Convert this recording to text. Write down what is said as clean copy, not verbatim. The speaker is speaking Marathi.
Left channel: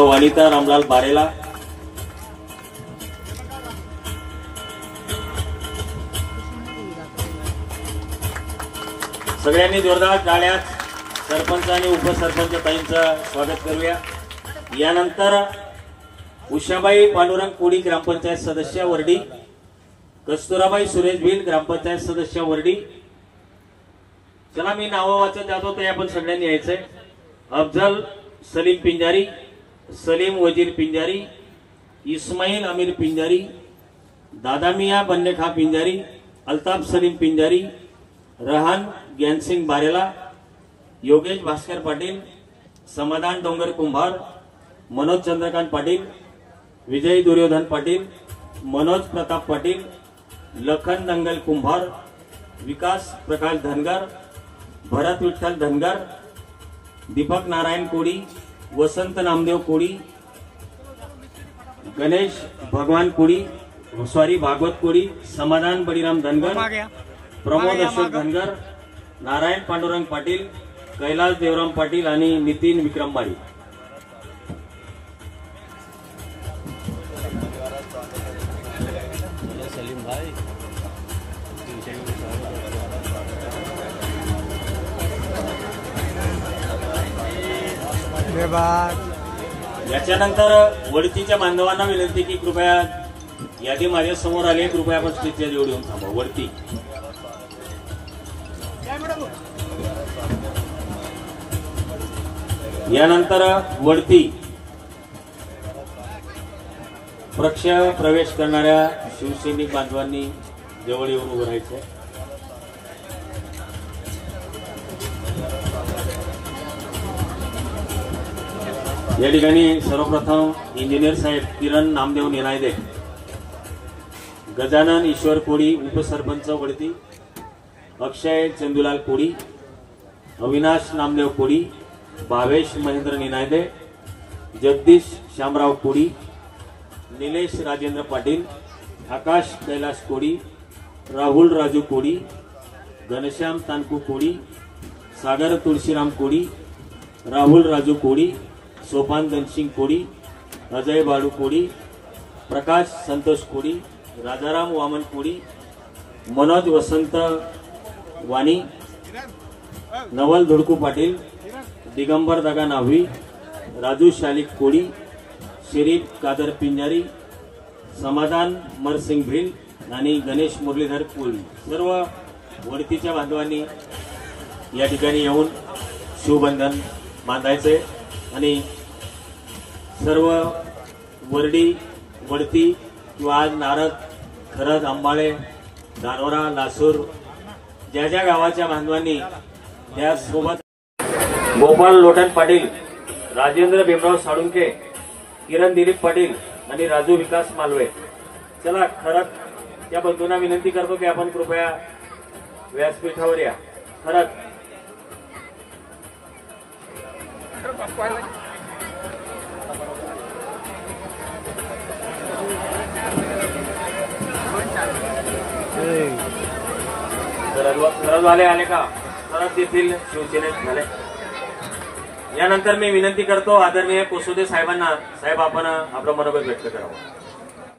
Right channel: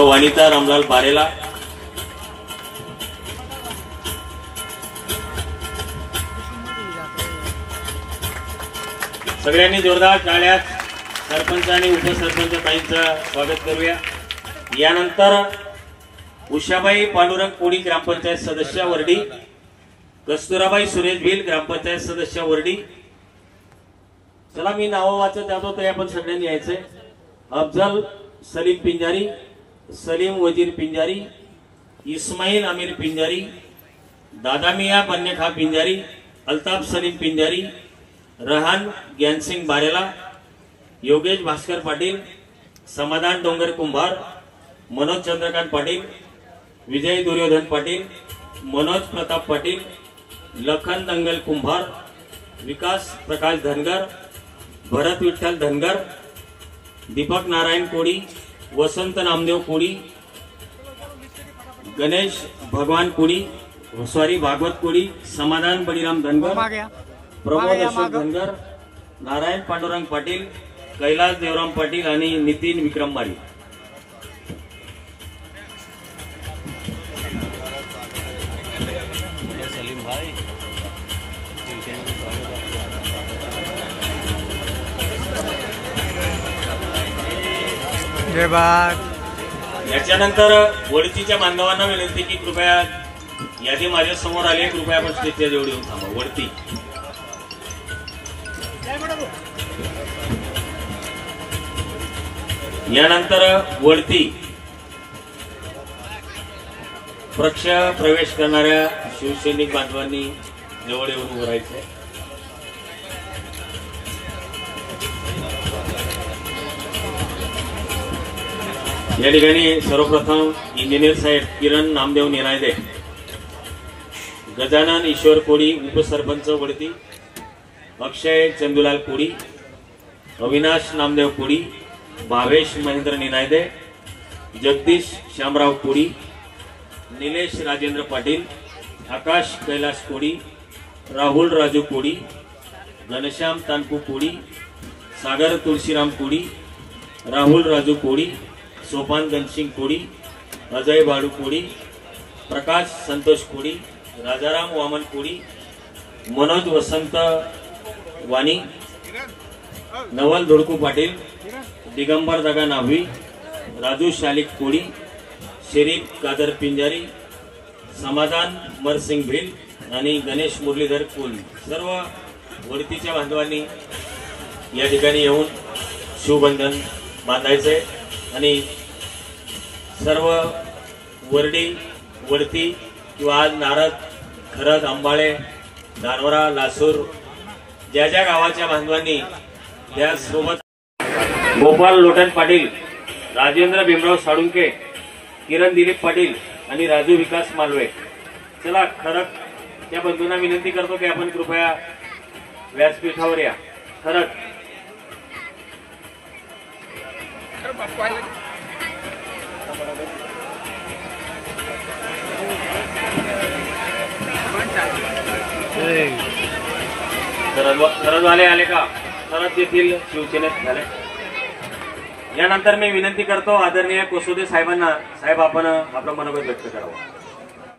सो वनिता रामलाल बारेला, सगळ्यांनी जोरदार टाळ्यात सरपंच आणि उपसरपंच ताईंचं स्वागत करूया। यानंतर उषाबाई पांडुरंग कोडी ग्रामपंचायत सदस्य वर्डी, कस्तुराबाई सुरेश भिल ग्रामपंचायत सदस्य वर्डी। चला मी नाव वाचत जातो ते आपण सगळ्यांनी यायचंय। अफजल सलीम पिंजारी, सलीम वजीर पिंजारी, इस्माईल अमीर पिंजारी, दादामिया बन्नेखा पिंजारी, अल्ताफ सलीम पिंजारी, रहान ज्ञानसिंग बारेला, योगेश भास्कर पाटील, समाधान डोंगर कुंभार, मनोज चंद्रकांत पाटील, विजय दुर्योधन पाटील, मनोज प्रताप पाटील, लखन दंगल कुंभार, विकास प्रकाश धनगर, भरत विठ्ठल धनगर, दीपक नारायण कोडी, वसंत नामदेव कोडी, गणेश भगवान कोडी, भागवत कोडी, समाधान बळीराम धनगर, प्रभू अशोक धनगर, नारायण पांडुरंग पाटील, कैलास देवराम पाटील आणि नितीन विक्रम माळी। सलीम भाई जय बाग। याच्यानंतर वडतीच्या बांधवांना विनंती की कृपया यादी माझ्या समोर आले, कृपया आपण स्टेजच्या जवळ येऊन थांबा। वडती यानंतर वडती पक्ष प्रवेश करणाऱ्या शिवसैनिक बांधवांनी जवळ येऊन उभं राहायचंय। या ठिकाणी सर्वप्रथम इंजिनियर साहेब किरण नामदेव निरायदे, गजानन ईश्वर कोडी उपसरपंच वडती, अक्षय चंदुलाल कोडी, अविनाश नामदेव कोडी, भावेश महेंद्र निनायदे, जगदीश श्यामराव कोडी, निलेश राजेंद्र पाटील, आकाश कैलास कोडी, राहुल राजू कोडी, घनश्याम तानकू कोडी, सागर तुळशीराम कोडी, राहुल राजू कोडी, सोपान घनसिंग कोडी, अजय बाळू कोडी, प्रकाश संतोष कोडी, राजाराम वामन कोडी, मनोज वसंत वाणी, नवल धुडकू पाटील, दिगंबर दगा नाव्ही, राजू शालिक कोडी, शरीफ कादर पिंजारी, समाधान मरसिंग भिल आणि गणेश मुरलीधर कोळी। सर्व वडतीच्या बांधवांनी या ठिकाणी येऊन शिवबंधन बांधायचे आणि सर्व वडती किंवा आज नारद, खरद, आंबाळे, दानोरा, लासूर ज्या ज्या गावाच्या बांधवांनी या सोबत गोपाल लोटन पाटील, राजेंद्र भीमराव साळुंके, किरण दिलीप पाटील आणि राजू विकास मालवे। चला खरक त्या बंधूंना विनंती करतो की आपण कृपया व्यासपीठावर या। खरक खरद वाले आले का? खरद येथील शिवसेनेत झाले। यानंतर मी विनंती करतो आदरणीय कोसोदे साहेबांना, साहेब आपण आपलं मनोगत व्यक्त करावं।